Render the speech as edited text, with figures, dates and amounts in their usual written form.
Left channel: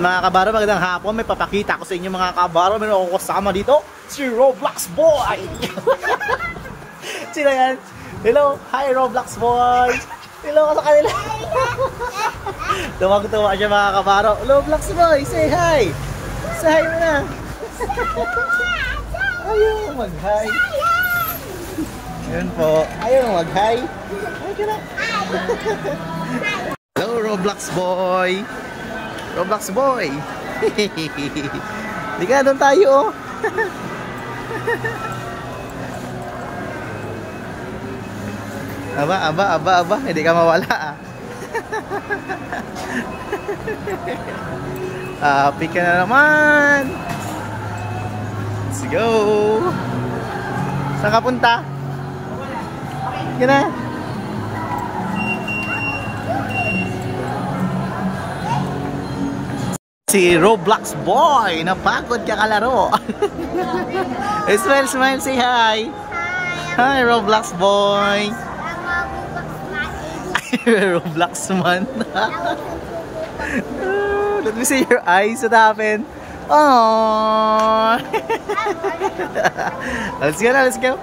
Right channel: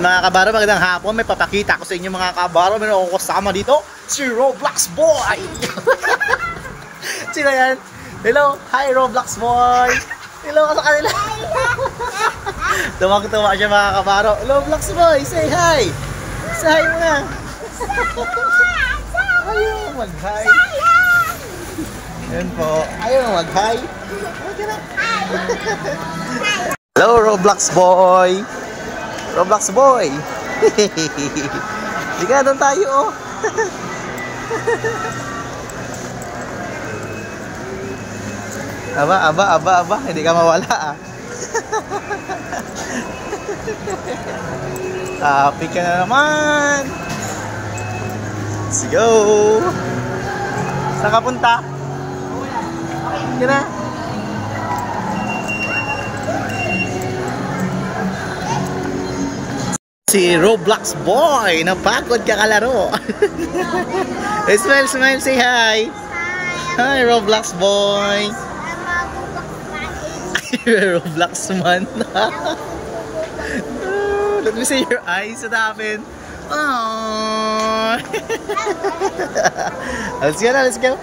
Mga kabaro, magandang hapon. May papakita ko sa inyo mga kabaro. Meron ako kasama dito, si Roblox Boy. Sino yan? Hello, hi Roblox Boy. Hello ka sa kanila. Tumag-tuwa siya mga kabaro. Roblox Boy, say hi. Say hi muna. Ayaw mag-hi. Yan po. Ayaw mag-hi. Okay na. Hello Roblox Boy. Roblox Boy. Ika, doon tayo oh. Aba, hindi ka mawala ah. Happy ka na naman. Let's go. Saan ka punta? Yan na. Si Roblox Boy, napagod ka kalaro. Smile, say hi. Hi Roblox Boy. Roblox man. Let me see your eyes. What happened? Aww. Let's go.